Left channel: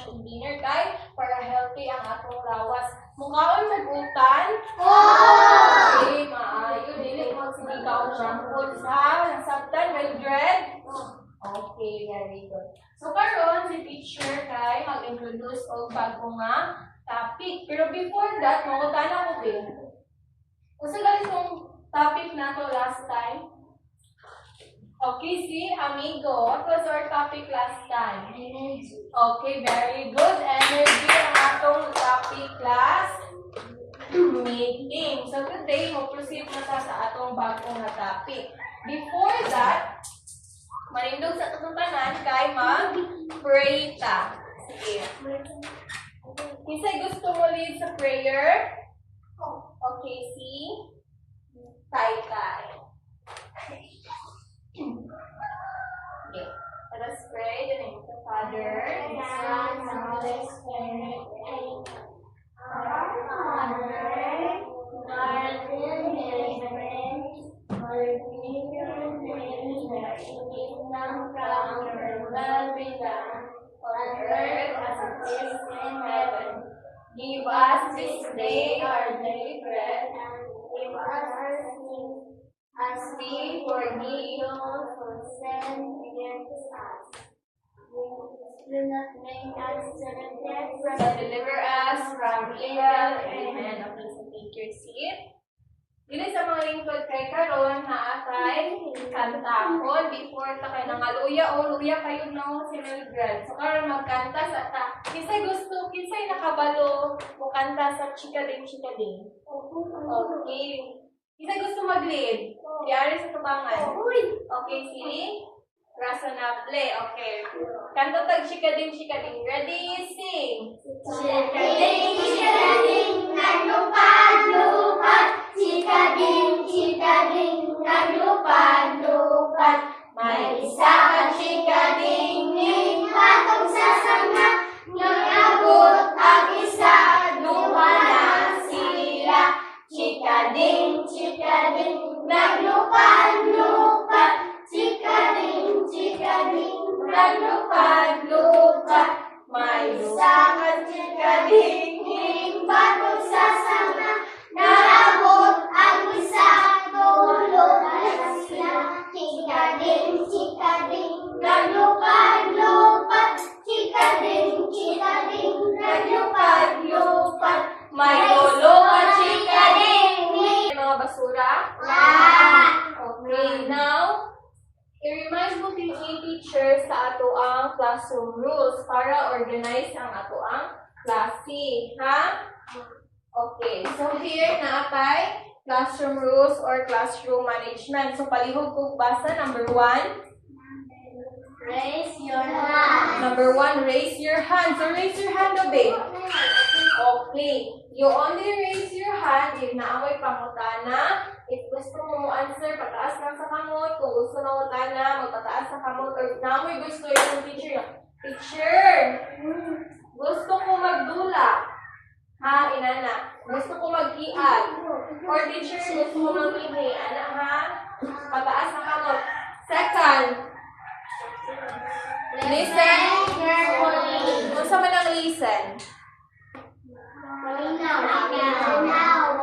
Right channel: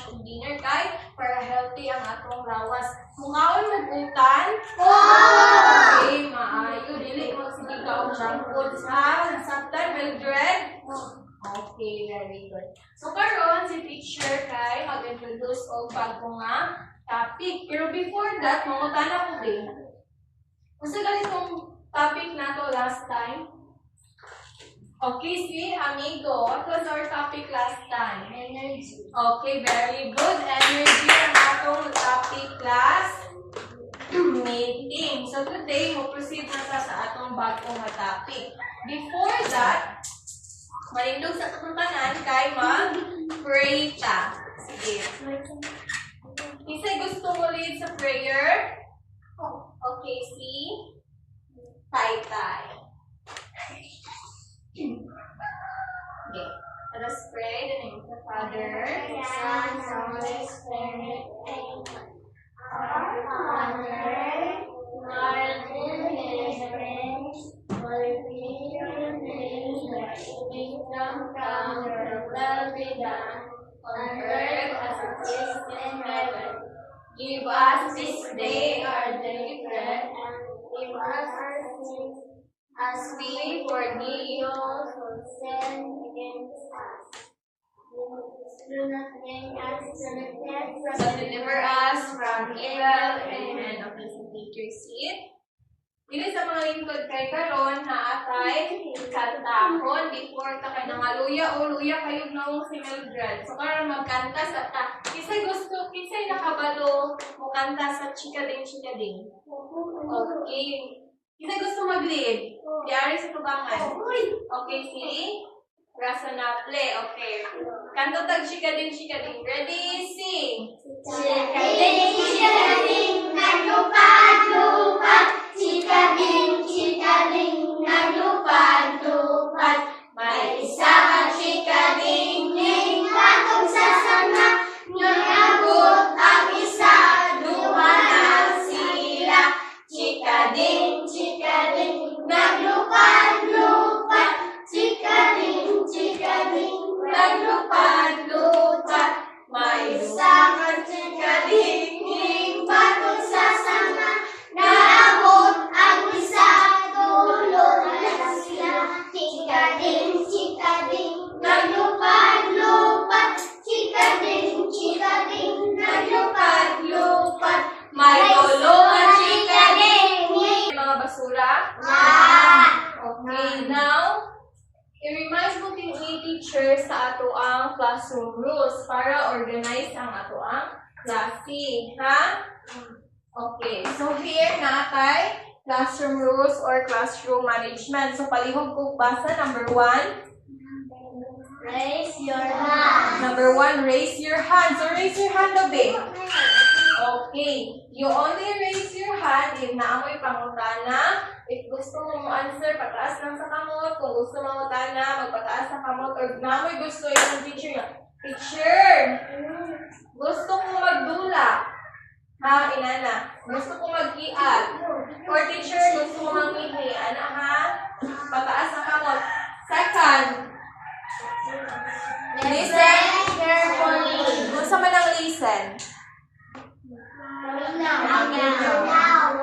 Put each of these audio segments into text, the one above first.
lunch ug dinner kay para healthy ang atong lawas. Mukaon magutan? Okay, maayo. Dili mo sige ka og junk food sa nasabtan, Mildred? Okay, very good. So karon si teacher kay mag-introduce og bago nga topic. Pero before that, mangutana ko din. Kasi guys, kung topic na to last time. Okay, see, amigo, what was our topic last time? Energy. Okay, very good. Energy ang atong topic class meeting. So today, mo-proceed na sa atong bagong topic. Before that, malindog sa tutuntanan kay mag-pray ka. Sige. Kisay gusto mo lead sa prayer? Okay, see? Tai-tai. Okay. Let us pray in the name of the Father, the Son, and the Holy Spirit. Our Father, who art in heaven, hallowed be your name. Thy kingdom come, your will be done, on earth as it is in heaven. Give us this day our daily bread, and give us our sins, as we forgive those who sin against us. Do not bring us to the test, but deliver us from evil. Amen. Okay, so take your seat. Dili sa mga lingkod kay karon na atay kantahon before ta kay nangaluya o luya kayo na si Mildred. So karon magkanta sa ta. Kisay gusto, kisay nakabalo mo kanta sa chikading chikading. Okay. Kisay gusto mag-lead. Diari sa tubangan. Okay, see? Razonable. Okay. Kanto tag chikading chikading. Ready? Sing. Chikading, chikading, naglupad-lupad. Chikading, chikading, naglupad-lupad. May isang chikading, patong sa sanga. Nangabot ang isa, duwa na sila. Chikading, chikading, naglupad-lupad. Chikading, chikading, naglupad-lupad. May isang chikading, patong sa sanga. Naabot ang isa, tulog na sila. Chikading, chikading, naglupad-lupad. Chikading, chikading, naglupad-lupad. May tulong at chikading. Mga basura? Okay, now, i-remind mo din ni teacher sa ato ang classroom rules para organize ang ato ang klase. Ha? Okay, so here natay classroom rules or classroom management. So palihog ko basa. Number 1. Raise your hand. Number 1, raise your hand. So raise your hand, Obe. Okay. You only raise your hand if naamoy pangutana. If gusto mo answer, pataas lang sa kamot. Kung gusto mo mangutana, magpataas sa kamot. Or naamoy gusto yung teacher. Teacher! Gusto ko magdula. Ha, inana. Gusto ko mag-iag. Or teacher, gusto ko mangihi. Ana, ha? Pataas sa kamot. Second. Listen carefully. Gusto mo nang listen?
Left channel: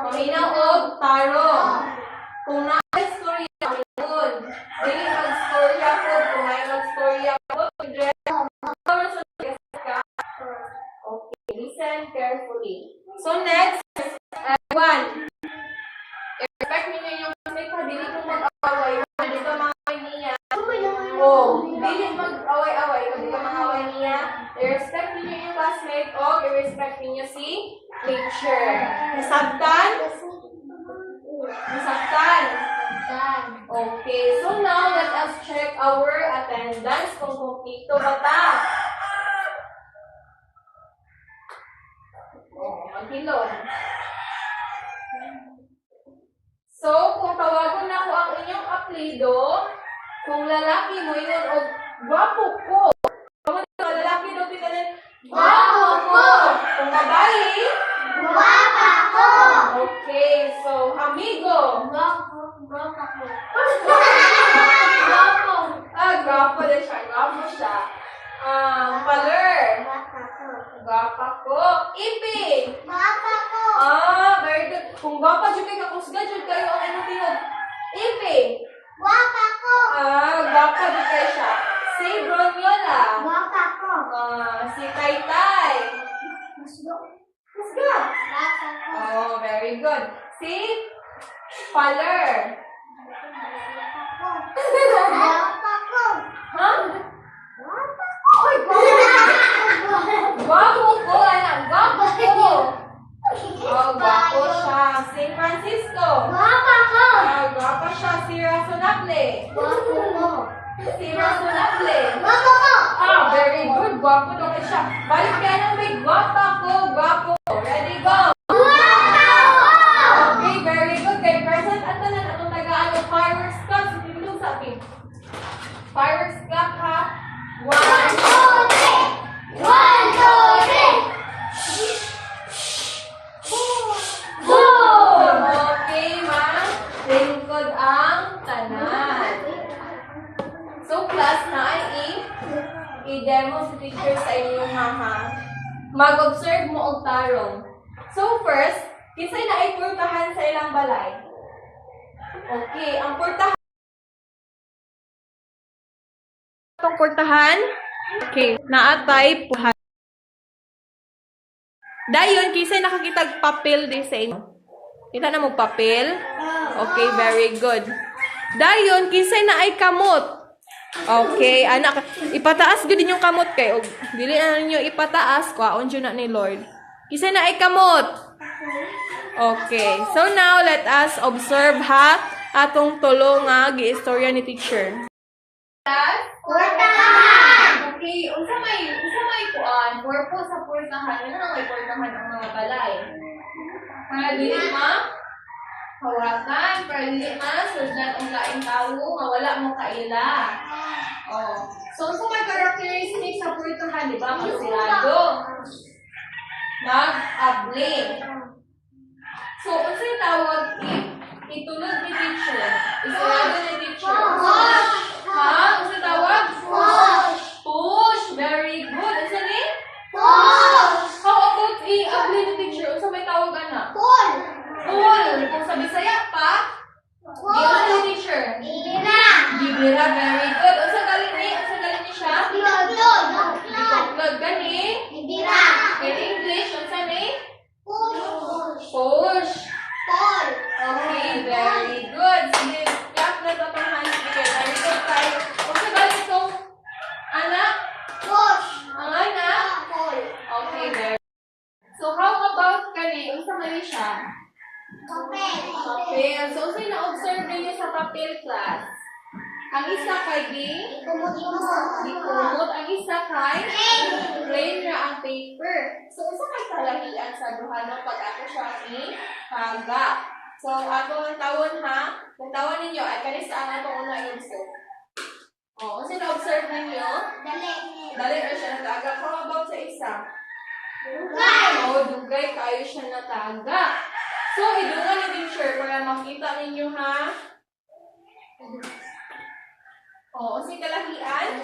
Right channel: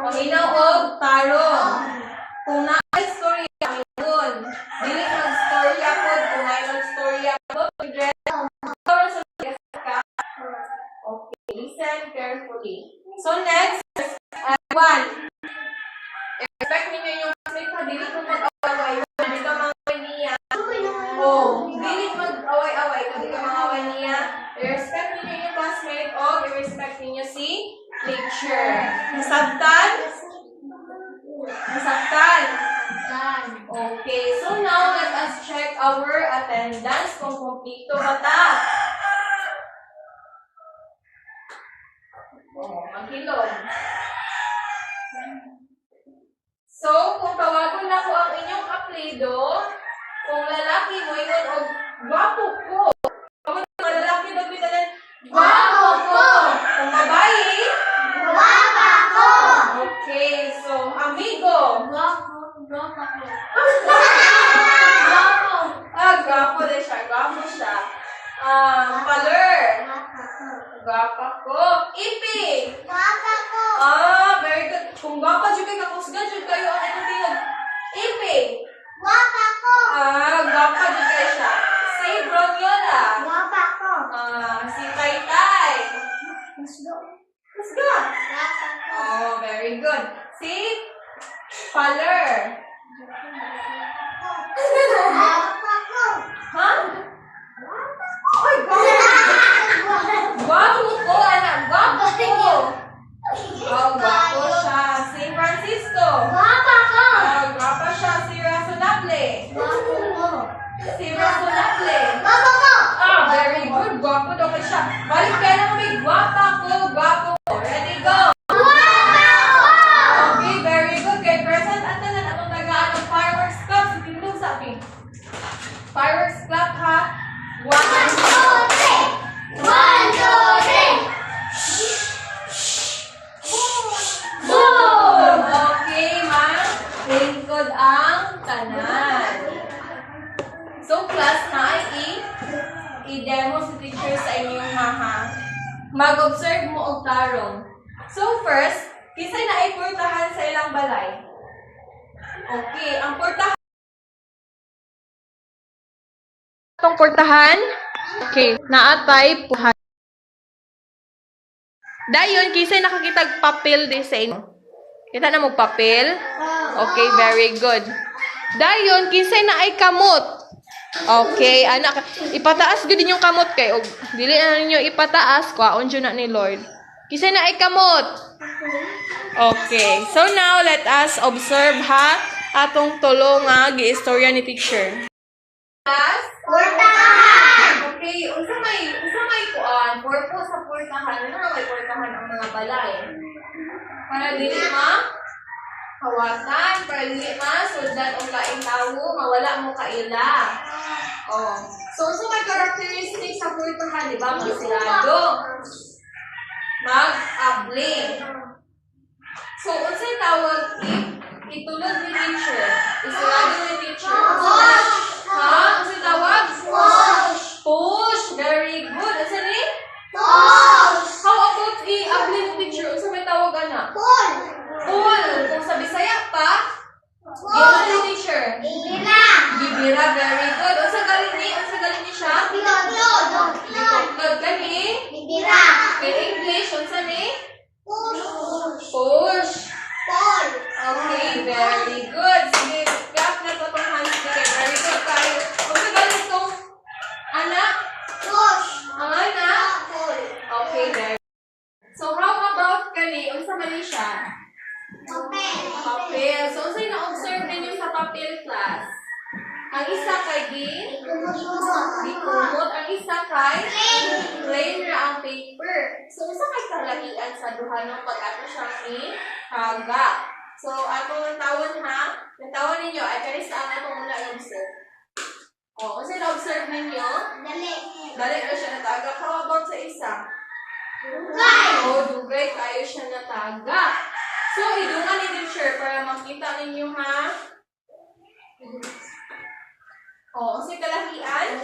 Paminaw og tarong. Kung na-istorya mingon, dili mag-storya po. Kung na-istorya po, okay, listen carefully. So next, one. Expect ninyo yung classmate ha, dili ko mag-away. Hindi ka mga niya. Oh, dili mag-away-away. Hindi ka mga away niya. I-respect ninyo yung classmate o i-respect ninyo si teacher. Nasabtan? Nasabtan? Okay, so now let us check our attendance kung kumpleto ba ta. Oh, maghilod. So, kung tawagon na ko ang inyong apelido, kung lalaki mo yun o gwapo ko. Kung lalaki mo pitalan, gwapo ko. Kung babae, Guwapa ko. okay, so amigo. Guwapo ko. Gwapo din siya, gwapo siya. Paler. Gwapa ko. Iping. Ah, very good. Kung gwapa jud kay kakusga jud kayo ang tingog. Iping. Ah, gwapa jud kay siya. Si Bronyola. Si Taytay. Kusga. Oh, very good. Si Paler. Ha? Ay, gwapo ko, anak. Gwapo ko. Oh, gwapo siya. Si Francisco. Oh, gwapo siya. Si Rasunable. Si Rasunable. Ah, very good. Gwapo daw kayo siya. Balik kaya naman may gwapa ko. Gwapo. Ready, go. Okay, very good. Kay present at tanan atong tagaan ng fireworks club. Si Tindong sa akin. Fireworks club, ha? 1, 2, 3. Boom! Okay, ma'am. Lingkod ang tanan. So, class na i-demo si teacher sa inyong haha. Mag-observe mo og tarong. So, first, kisay na ay purtahan sa ilang balay. Okay, ang purtahan. Itong purtahan. Okay, naatay puhan. Dayon, kisay nakakitag papel di sa inyo. Kita na mo papel? Okay, very good. Dayon, kisay na ay kamot. Okay, anak, ipataas gud yung kamot kay og dili na ninyo ipataas, kwaon jud na ni Lord. Kisay na ay kamot. Okay, so now let us observe ha atong tulo nga giistorya ni teacher. Class? Okay, unsa may kuan, purpose sa purtahan, ano may purtahan ang mga balay? Para dili hawatan, para dili sudlan og laing tawo, mawala mo kaila. Oh. So may characteristics sa purtahan, di ba? Magsilado. Mag-abling. So, unsay tawag itulog ni teacher? Isilado ni teacher. Ha? Unsay tawag? Push. Very good. Unsay ni? How about i-abling ni teacher? Unsa may tawag ana? Pull. Kung sa Bisaya pa, gina ni teacher. Gibira. Very good. Unsa galing ni siya? Bitoklod gani? In English, unsa ni? Push. Okay, very good. Sige, clap na ito mga hands bigay. Very good tayo. Unsa galing itong anak? Ang anak? Okay, very good. So, how about kani? Unsa man ni siya? Papel. So, unsay na-observe ninyo sa papel class? Ang isa kay dikumot, ang isa kay plain ra ang paper. So, usa kay kalahian sa duha no pag ato siya i-haga. So, atong tawon ha, ang tawon ninyo ay kanis ang atong una i-observe. Oh, unsay na-observe ninyo? Dali ra siya nataga. How about sa isa? Dugay kayo siya nataga. So, idungan ni teacher para makita ninyo ha. Oh, unsay kalahian?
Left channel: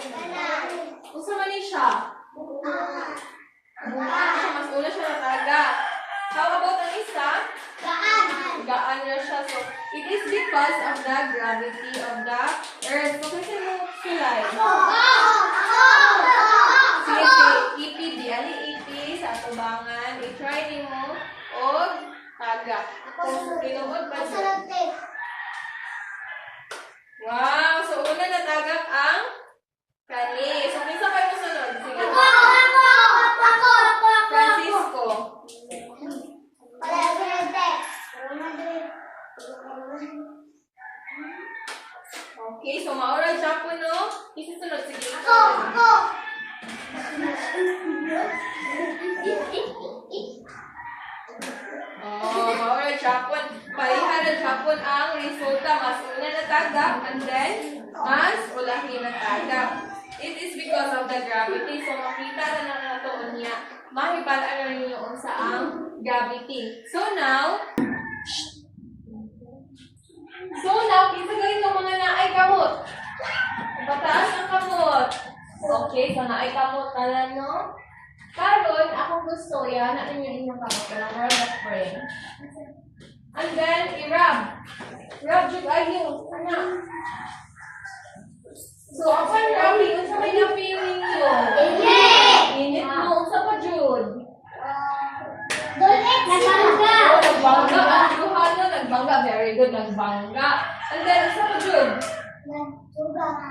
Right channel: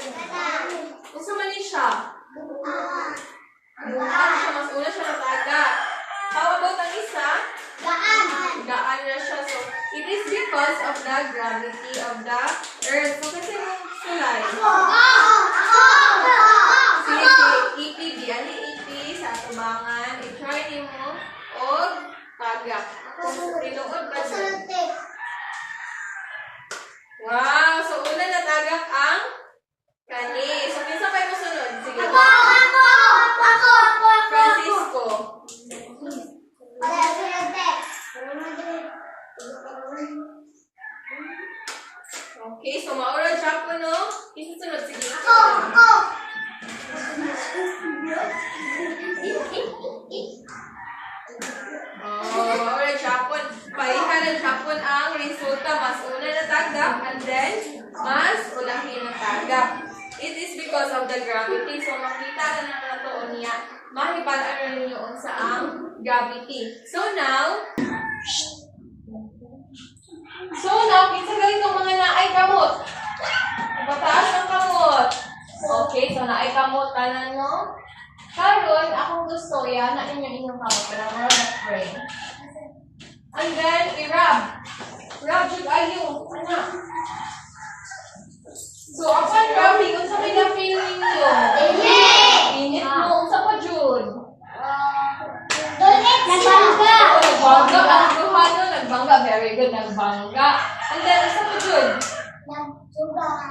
Unsa man ni siya? Bukan siya, mas una siya nataga. How about ang isa? Gaan na siya. So, it is because of the gravity of the earth. So, kasi mo slide. Sige, EP, di ani EP sa tubangan. I-try ni mo o taga. Kung tinugod pa siya. Wow! So, una natagak ang kani. So, minsan kayo masunod. Sige. Francisco. Okay, so maura siya po, no? Isusunod. Sige. Maura siya po. Palihan siya po ang resulta. Mas una natagak and then mas ulahin natagak. It is because of the gravity. So, makita na nato niya. Mahibalaan na rin yung sa ang gravity. So now, kinsa ganitong mga naay kamot. Ipataas ang kamot. Okay, so naay kamot tanan no? Karon, akong gusto, yan na ninyo inyong kamot. Kaya we're gonna pray. And then, i-rub. Rub jud ayo. Ana. So, upon rubbing, unsa may na-feeling nyo? Init mo. Unsa pa jud? Nagbangga. Nagbangga. Ang duhano, nagbangga. Very good, nagbangga. And then, unsa pa jud?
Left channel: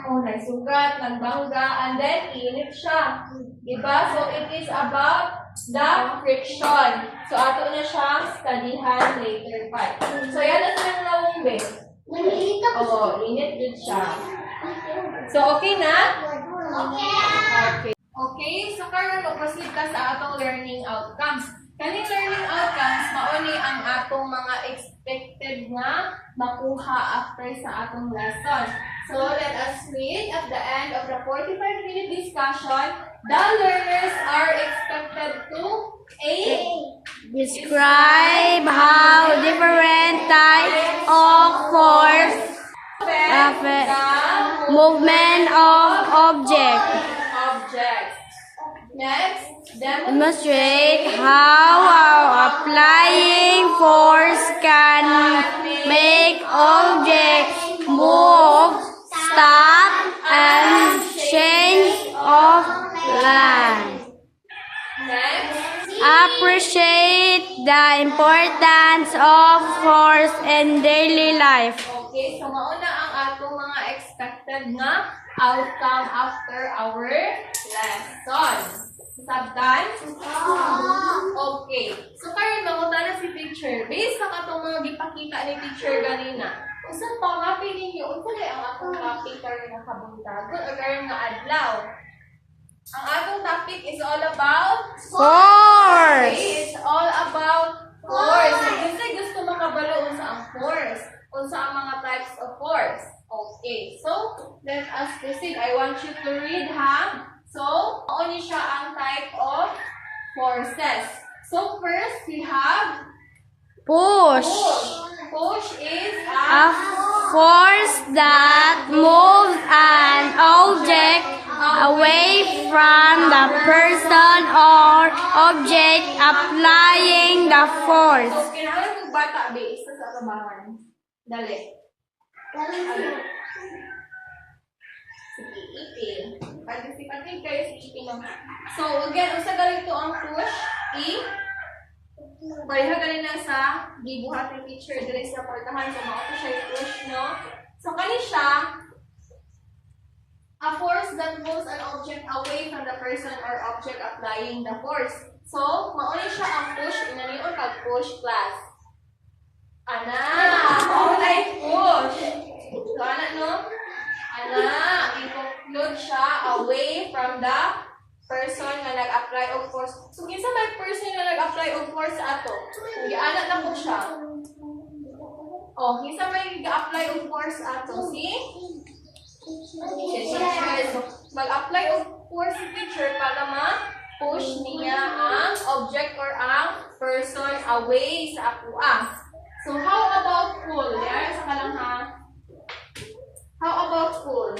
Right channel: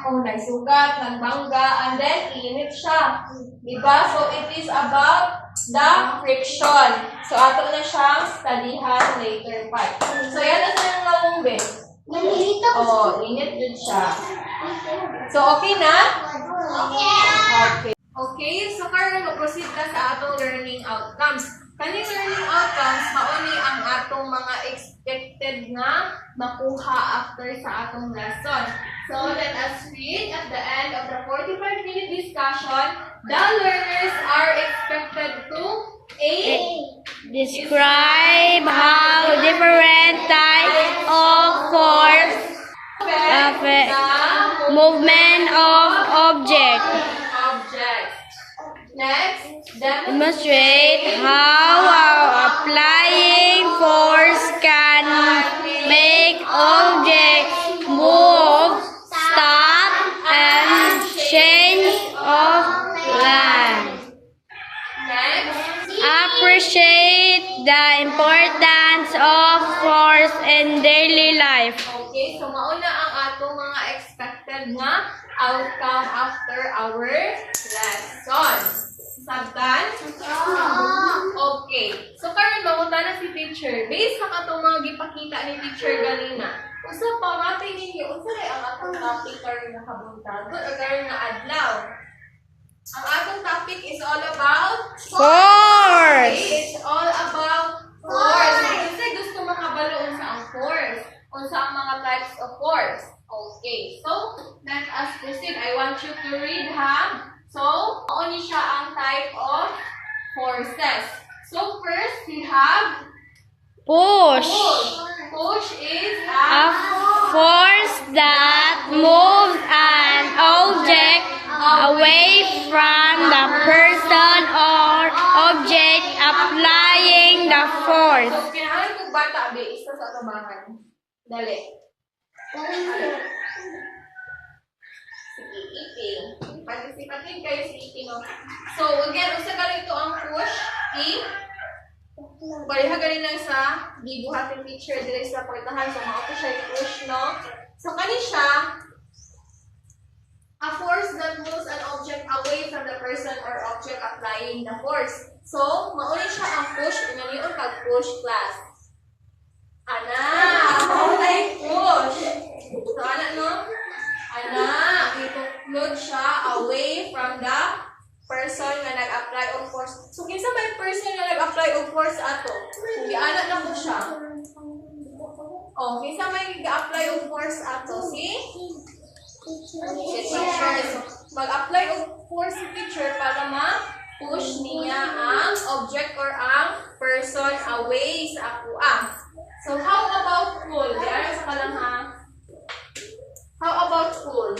Oh, naisugat, nagbangga, and then init siya. Diba? So, it is about the friction. So, ato na siyang studyhan later part. So, yan na sa yung nawumbi. Nalilito ko. Oh, init din siya. So, okay na? Okay. Okay, so karon mag-proceed ka sa atong learning outcomes. Kaning learning outcomes, mauni ang atong mga expected na makuha after sa atong lesson. So, let us read at the end of the 45-minute discussion, the learners are expected to A. Describe how different types of force affect the movement of object. Next, Demonstrate how applying force can make objects move, stop, and change of land. Next, Appreciate the importance of force in daily life. okay, so mauna ang atong mga expected na outcome after our lesson. Sabtan? Okay. So karon mangutan na si teacher. Based sa atong mga gipakita ni teacher ganina. Usa pa mapi ninyo, unsa lay ang atong topic karon nga kabuntag o karon nga adlaw? Ang atong topic is all about Force! Okay, it's all about force. Kasi gusto makabalo unsa ang force. Unsa ang mga types of force. Okay, so let us proceed. I want you to read, ha? So, only siya ang type of forces. So, first, we have Push. push. Push is A force that moves an object away from the person or object applying the force. So, kailangan kong bata, be, isa sa kabahan. Dali. Sige, ipin. Pagkasipatin kayo si ipin, no? So, again, unsa ganito ang push? Baliha ganina sa gibuhating teacher dire sa portahan. So, mauto siya yung push, no? So, kani siya, a force that moves an object away from the person or object applying the force. So, mauni siya ang push. Inaniyon pag-push class. Ana, maulay push. So, ana, no? Ana, i-conclude siya away from the person nga nag-apply of force. So, kinsa may person nga nag-apply of force ato? Giana na po siya. Oh, kinsa may nag-apply of force ato? Si teacher. So, mag-apply of force si teacher para ma-push niya ang object or ang person away sa akuan. So, how about pull? Yan, sa kalang ha. How about pull?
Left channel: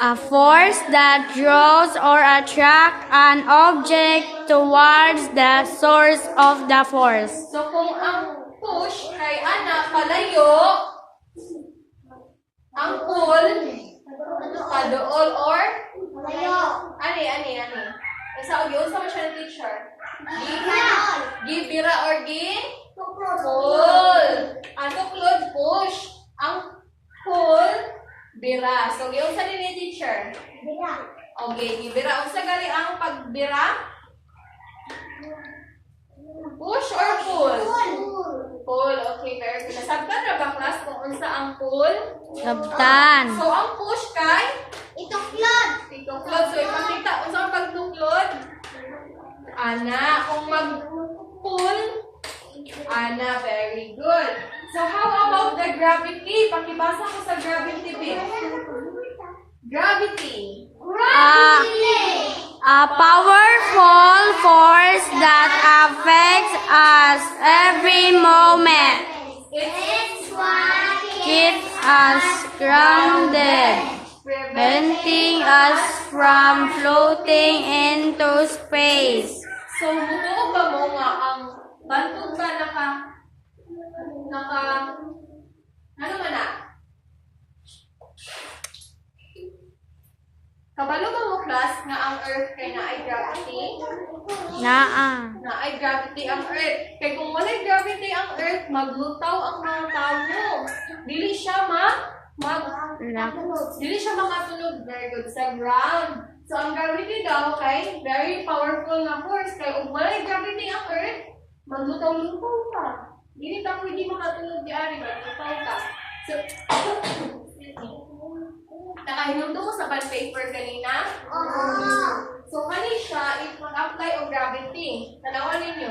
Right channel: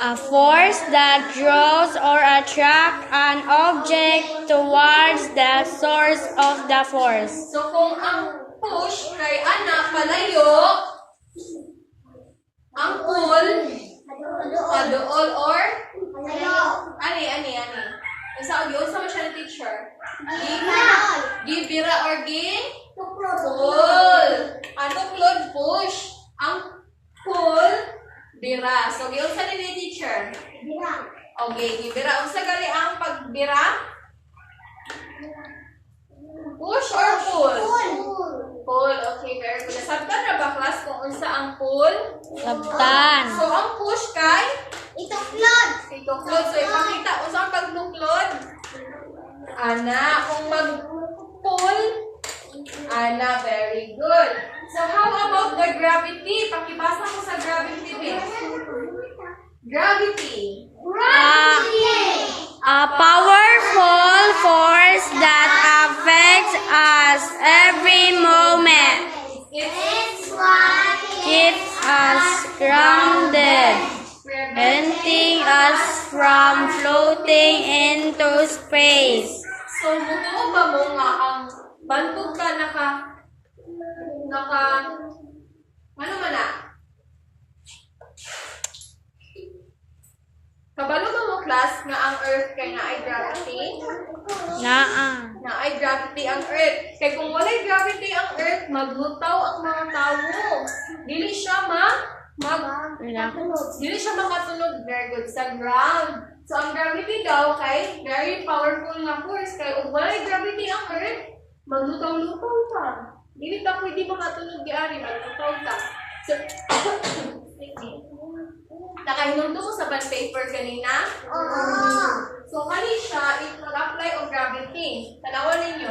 A force that draws or attracts an object towards the source of the force. So, kung ang push kay ana palayo, ang pull paduol or ani. Isa og unsa man siya ni teacher? Gibira or pull. Ang tuklod push. Ang pull bira. So giunsa ni teacher? Okay, gibira. Unsa gali ang pagbira? Push or pull? Pull. Okay, very good. Nasabtan na ba class kung unsa ang pull? Sabtan. So ang push kay Ituklod. tuklod. So ipakita unsa ang pagtuklod? Ana, kung mag-pull, ana, very good. So how about the gravity? Pakibasa ko sa gravity, babe. Gravity. A powerful force that affects us every moment. It's Keeps us grounded. preventing us from floating into space. So, mutuo ba mo nga ang bantog ka ano man na? Kabalo ba mo, class, nga ang Earth kay na ay gravity? Naa. Na ay gravity ang Earth. Kaya kung walay gravity ang Earth, maglutaw ang mga tao. Dili siya dili siya makatulog very good sa ground. So ang gravity daw kay very powerful na force. Kaya kung walay gravity ang Earth, maglutaw-lutaw ka. Dili ka pwede makatulog di ari, maglutaw ka. So, excuse me. Nakahinumdo ko sa bond paper kanina? So, kani siya, if mag-apply o gravity, tanawan ninyo.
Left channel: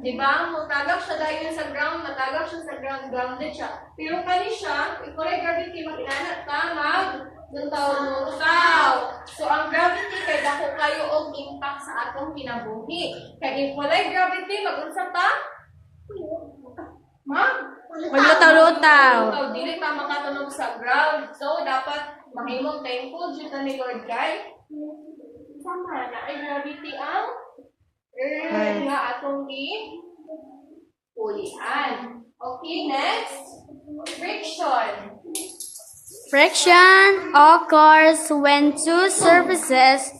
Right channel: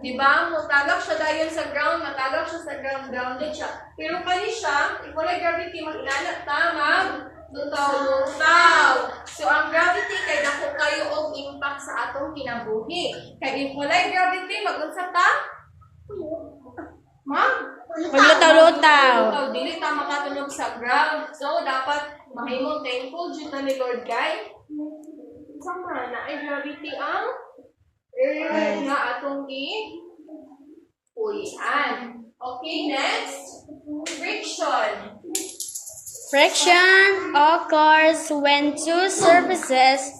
Diba? Matagak siya dahil sa ground, matagak siya sa ground, grounded siya. Pero kani siya, if wala gravity, makinanat tamag, lutaw-lutaw. So, ang gravity, kay dako kayo og impact sa atong kinabuhi. Kaya if wala gravity, mag-unsap ta? Maglutaw-lutaw. Dili ta makatunog sa ground. So, dapat mahimong thankful dito ni Lord kay sama na ay gravity ang Earth nga atong puyan. Okay, next. Friction. Friction occurs when two surfaces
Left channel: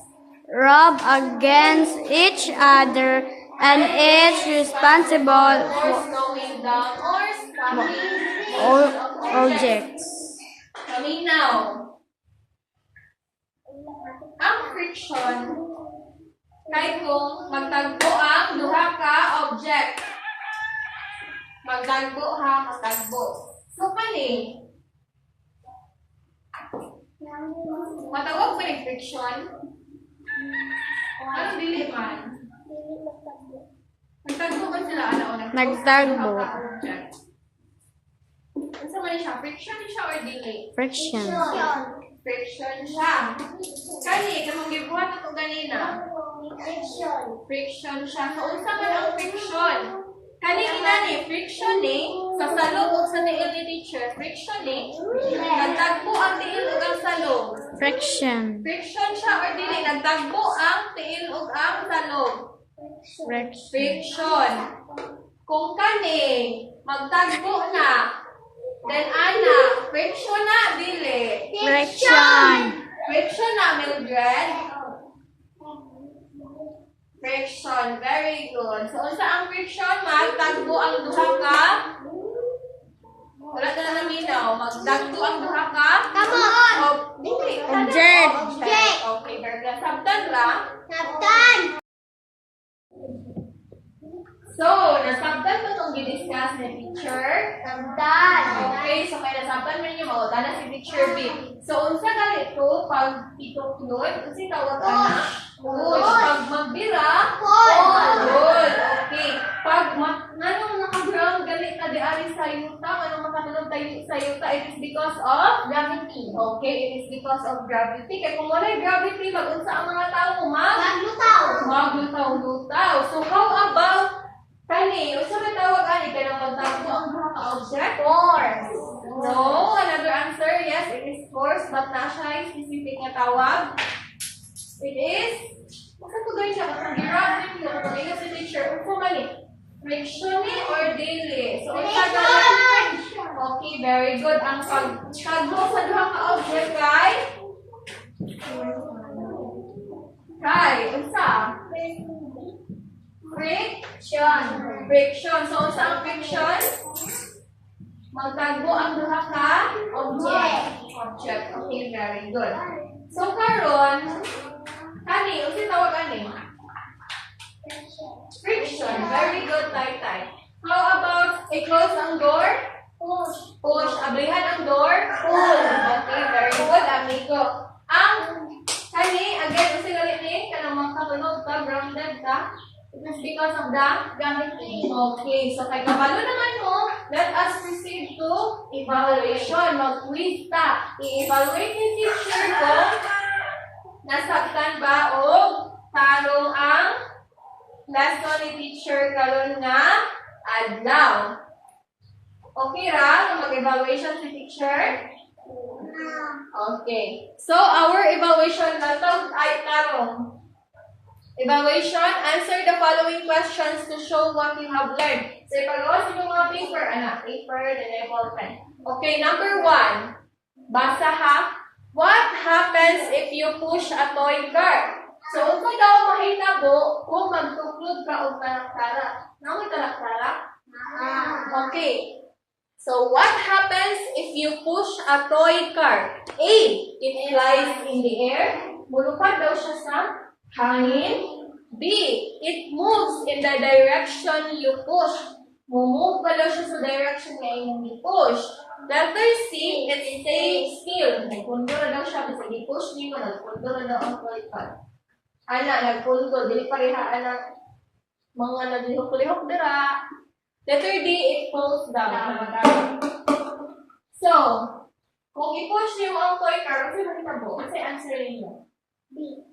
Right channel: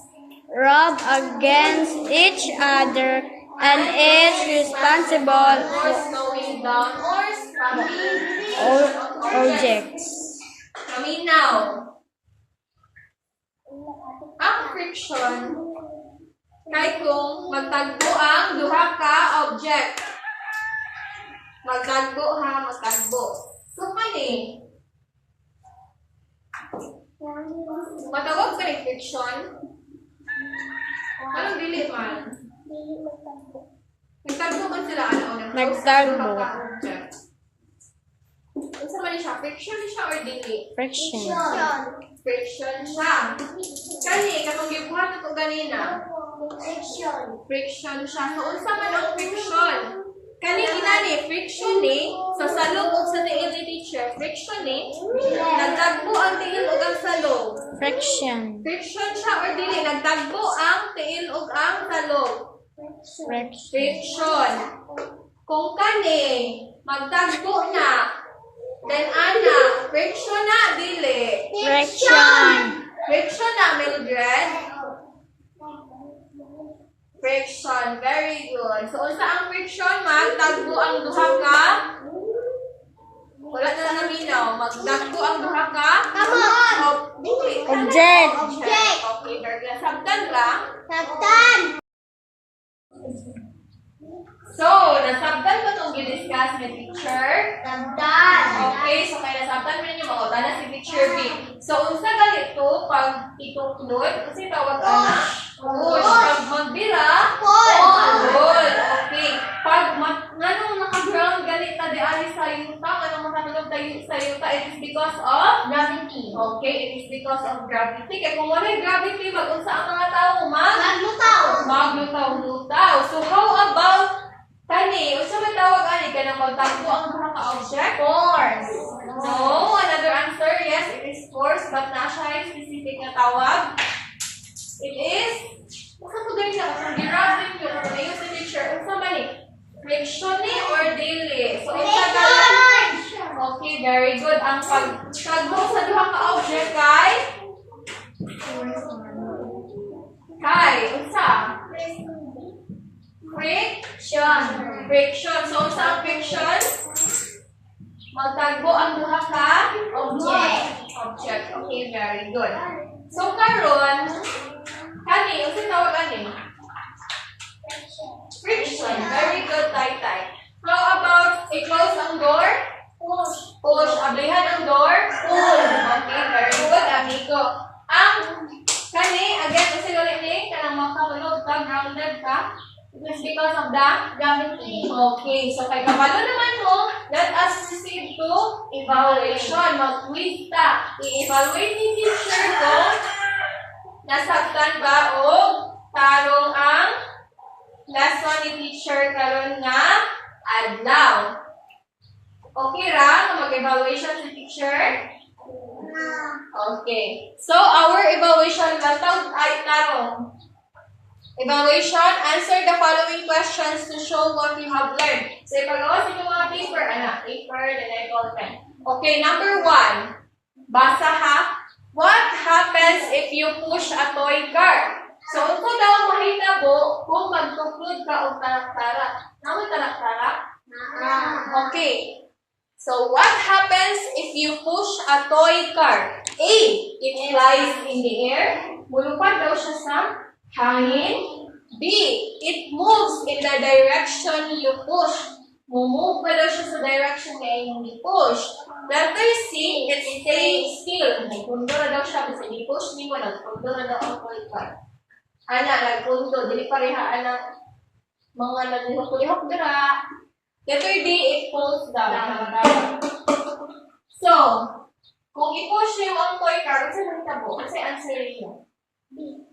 rub against each other and is responsible Force going down or stopping for objects. Kami now. Ang friction kay kung magtagbo ang duha ka object. Magtagbo. So kani matawag pa rin friction. Anong dili man? Nagtagbo man sila ano? Nagtagbo. Ano sa man siya? Friction siya or dili? Friction. Friction siya. Kani, katong gibuhat ito ganina. Friction siya. So, unsa man ang friction? Kani kinani, friction ni, sa salog o sa tiil ni teacher, friction ni, nagtagbo ang tiil o ang salog. Friction. Friction siya or dili, nagtagbo ang tiil o ang salog. Friction. Kung kani, magtagbo na, then ana, friction na, dili. Friction. Friction na, Mildred. Friction, very good. So, unsa ang friction? Magtagbo ang duha ka. Wala na lang minaw. Magtagbo ang duha ka. Object. Okay, very good. Sabtan ba? So, nasabtan ko itong i-discuss ni teacher. Okay, so kaya nasabtan mo niyo mauta na si teacher B. So, unsa ganito pag ituklod? Kasi tawag ka na? Push. Pag magbira? Pull. Okay. Pag anong naka-ground ganita di ari sa yuta, anong makatulog tayo sa yuta, it is because of gravity. Okay, it is because of gravity. Kaya kung wala gravity, mag-unsa ang mga tao? Maglutaw-lutaw. So, how about kani, unsa may tawag ani kay nang magtagbo ang mga ka-object? Force. No, another answer. Yes, it is force, but na siya specific na tawag. It is basta po dahil siya kasi giraffe niyo kung ano si teacher. Unsa man ni? Friction ni or daily? So, okay, very good. Ang pagtagbo sa duha ka-object kay unsa? Friction. So, unsa ang friction? Magtagbo ang duha ka object. Okay, very good. So, karon, kani, unsa tawag ani? Friction. Very good, tay. How about i-close ang door? Push. Ablihan ang door? Pull. Okay, very good, amigo. Ang kani, again, kasi ulit ni, kanang makatulog ka, grounded ka. It is because of the gravity. Okay, so kay kabalo naman mo, let us proceed to evaluation. Mag-quiz ta. I-evaluate ni teacher kung nasabtan ba o tarong ang lesson ni teacher karon nga adlaw. Okay ra, mag-evaluation si teacher? Okay. So, our evaluation method ay tanong. Evaluation, answer the following questions to show what you have learned. So, ipagawa sa mga paper, anak. Paper, then I ball pen. Okay, number 1. Basa ha. What happens if you push a toy car? So, ito daw mahitabo kung magtuklod ka o taraktara. Namoy taraktara? Okay. So, what happens if you push a toy car? A. It flies in the air. Mulupad daw siya sa hangin. B. It moves in the direction you push. Mumove pa daw siya sa direction na yung i-push. Letter C. It stays still. Nagpundo na daw siya. Kasi i-push ni mo. Nagpundo na daw ang toy car. Ana, nagpundo. Dili parehaan ng mga naglihok-lihok dira. Letter D. It falls down. So, kung i-push niyo ang toy car, kasi mahitabo. Kasi answer niyo. B.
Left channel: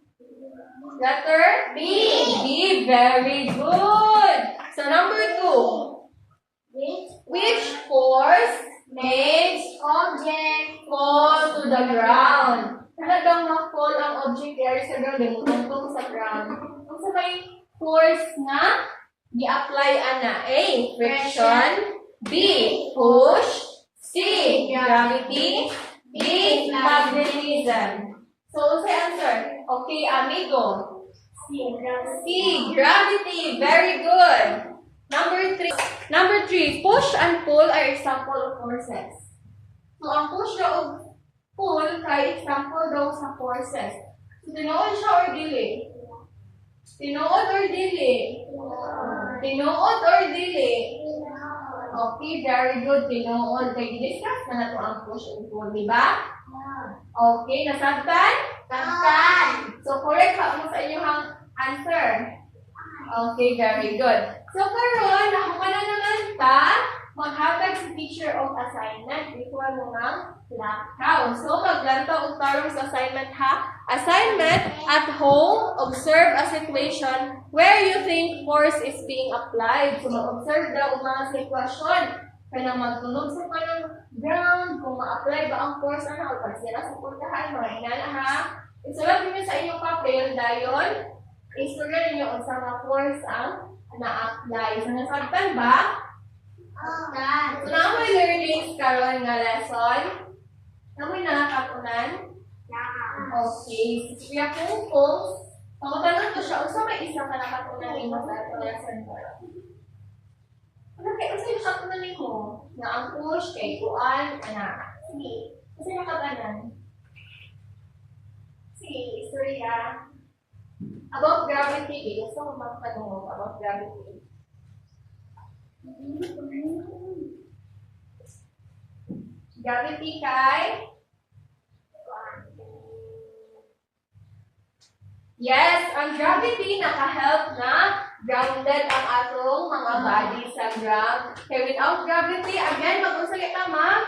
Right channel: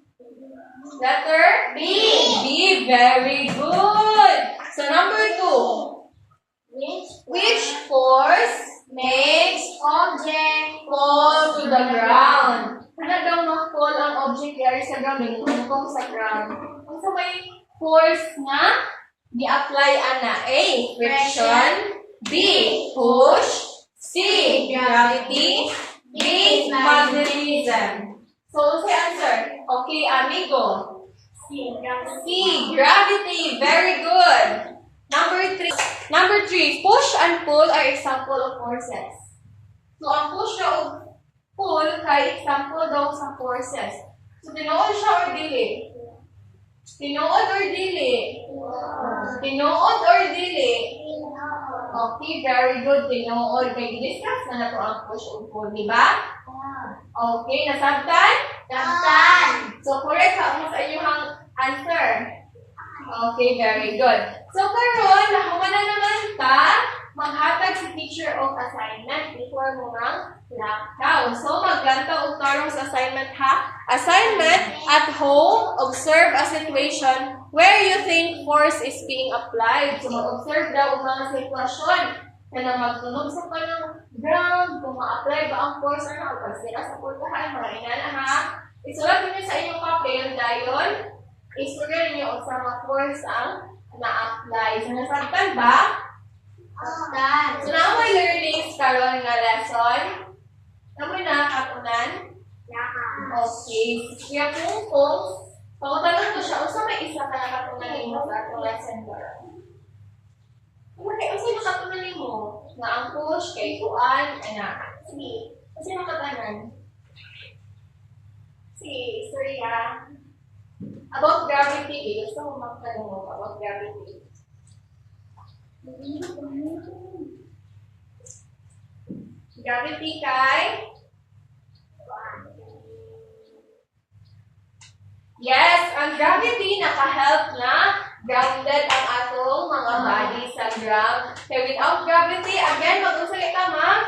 Letter B. B. Very good. So, number 2. Which force makes object fall to the ground? Ano daw ma-fall ang object ay sa ground? Nagtungkong sa ground. Kung sa may force na i-apply ana. A. Friction. B. Push. C. Gravity. D. Magnetism. So, what's the answer? Okay, amigo. C. Gravity. Very good. Number 3. Push and pull are example of forces. So, ang push o pull kay example daw sa forces. So, tinuod siya or dili? Tinuod or dili? Tinuod or dili? Okay, very good. Tinuod. Kay discuss na nato ang push o pull, di ba? Okay, nasabtan? Sabtan. So, correct ka mo sa inyong answer. Okay, very good. So, karon nakuha na naman ta, maghatag si teacher of assignment. Equal mo ng laktaw. So, maglantaw og tarong sa assignment ha. Assignment, at home, observe a situation where you think force is being applied. So, mag-observe daw og mga sitwasyon. Kaya magtunog sa kanang ground, kung ma-apply ba ang force or nakapasira sa pultahan, mga inana ha. Isulat niyo sa inyong papel dayon. Istorya niyo kung sa mga force ang na-apply. So, nasabtan ba? So, na may learnings karon nga lesson. Namoy na katunan? Okay. Kaya kung pagtanong ko siya, unsa may isa ka nakatunan mo sa atong lesson karon? Okay, unsa yung nakatunan mo? Na ang push kay kuan, anak. Sige. Kasi nakatanan. Sige, Surya. About gravity, gusto mo magtanong about gravity? Gravity kay? Yes, ang gravity naka-help na grounded ang atong mga body sa ground. Kaya without gravity, again, mag-usay ka ma?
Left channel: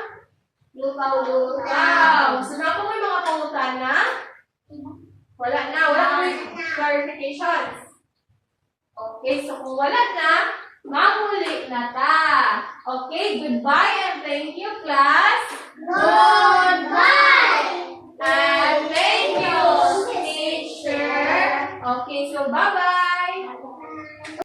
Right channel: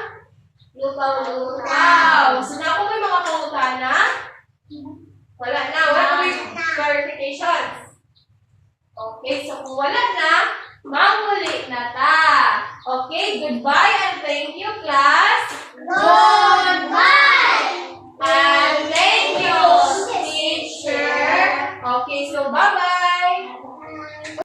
Lukaw-lukaw. So na kung may mga pangutana? Wala na. Wala may clarifications. Okay, so kung wala na, mahuli na ta. Okay, goodbye and thank you, class. Goodbye. And thank you, teacher. Okay, so bye-bye.